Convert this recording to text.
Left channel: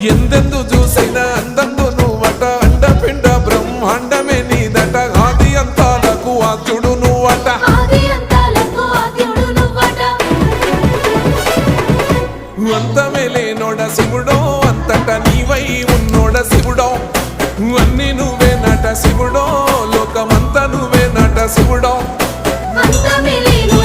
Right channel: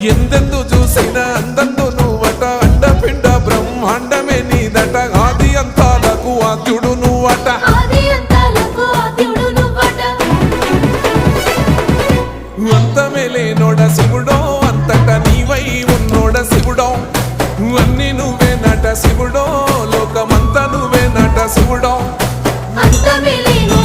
ఎందెందు చూసినా అందందు నువ్వట అండపిండ బ్రహ్మాండమే నీదట ఆది అంతాలకు ఆద్యుడు నువ్వట అంతమే లేనోడ శివుడో అంతట నీవై ఉన్నోడ శివుడో అన్ని నువ్వే నట శివుడో లోకమంతా నువ్వే నట శివుడో అంతమే లేనోడ